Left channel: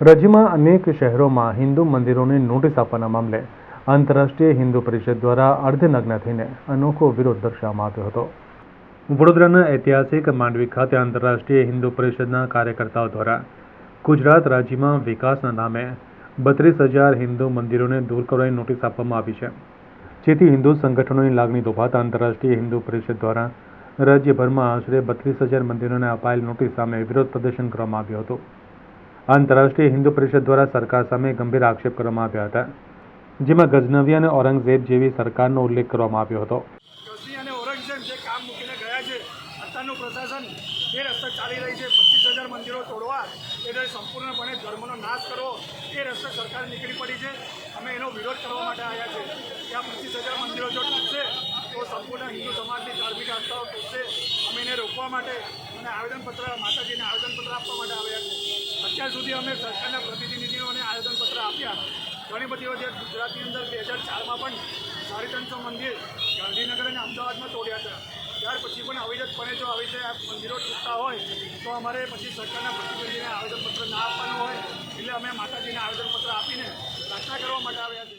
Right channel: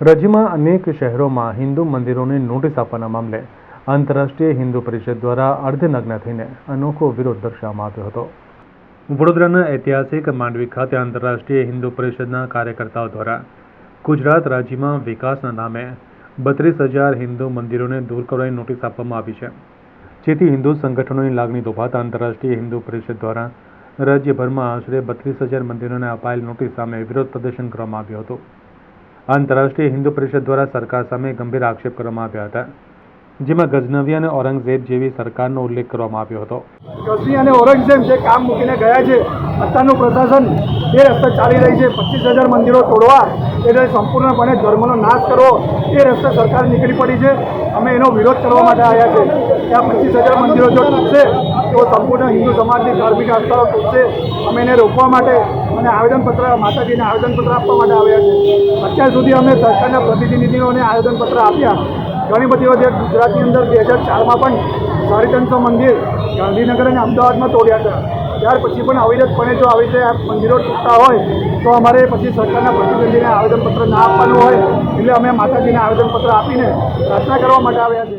રાજ્યમાં અનેક શહેરોમાં હિન્દુ મંદિરોને નોટિસ આપવાના મામલે આંતરરાષ્ટ્રીય હિન્દુ પરિષદ દ્વારા અર્ધનગ્ન થઈને અનોખો વિરોધ દર્શાવવામાં આવ્યો હતો। વડોદરાના ઐતિહાસિક માંડવી ખાતે આંતરરાષ્ટ્રીય હિન્દુ પરિષદના કાર્યકર્તાઓ દ્વારા ગુજરાત રાજ્યમાં વિકાસના નામે 32,000 હિન્દુ મંદિરોને દૂર કરવાની નોટિસ આપવામાં આવી છે, જેથી હિન્દુ સંગઠનોની લાગણી દુભાતા આંતરરાષ્ટ્રીય હિન્દુ પરિષદ દ્વારા રાજ્યભરમાં આશરે 32,000 મંદિરોને અપાયેલ નોટિસ સામે વિરોધ પ્રદર્શન કરવામાં આવ્યું હતું। આંતરરાષ્ટ્રીય હિન્દુ પરિષદ દ્વારા સરકાર સામે ગંભીર આક્ષેપ કરવામાં આવ્યા હતા, જેમાં ગઝનવી અને ઔરંગઝેબ જેવી સરકારનો ઉલ્લેખ કરવામાં આવ્યો હતો। ગઝની અને ઔરંગઝેબ જે કામ મૂકીને ગયા છે, અત્યારનું પ્રશાસન એ રસ્તે ચાલી રહી છે। 25,000 મંદિરો તોડવા એટલે સંપૂર્ણપણે ધર્મનો નાશ કરવો એ રસ્તે સરકાર નીકળી પડી છે। અમે એનો વિરોધ કરવા માટે આવ્યા છે કે આ 25,000 મંદિરો જો તૂટશે તો સંપૂર્ણ હિન્દુ સમાજની ધાર્મિક આસ્થાઓ તૂટશે। અમે એને રોકવા માટે અને આવેદનપત્ર માતાજીને આવેદનપત્ર આપવા માટે આવ્યા છે। અત્યાર સુધી અમે સરકારના પ્રતિનિધિઓને આવેદનપત્ર આપ્યા। ઘણી બધી વખત ગુજરાતની અંદર 2004માં પણ 350 મંદિર ગાંધીનગર અને અમદાવાદમાં તોડ્યા હતા। ત્યાર પછી પણ અવિરતપણે જો આવી રીતે આ મંદિરો તૂટતા હોય તો અમારે પછી સરકારના પ્રતિનિધિને આવેદનપત્ર ના આપવાનું હોય, એટલે અમે માતાજીને આવેદનપત્ર આપીને પ્રાર્થના કરવા માટે આવ્યા છે।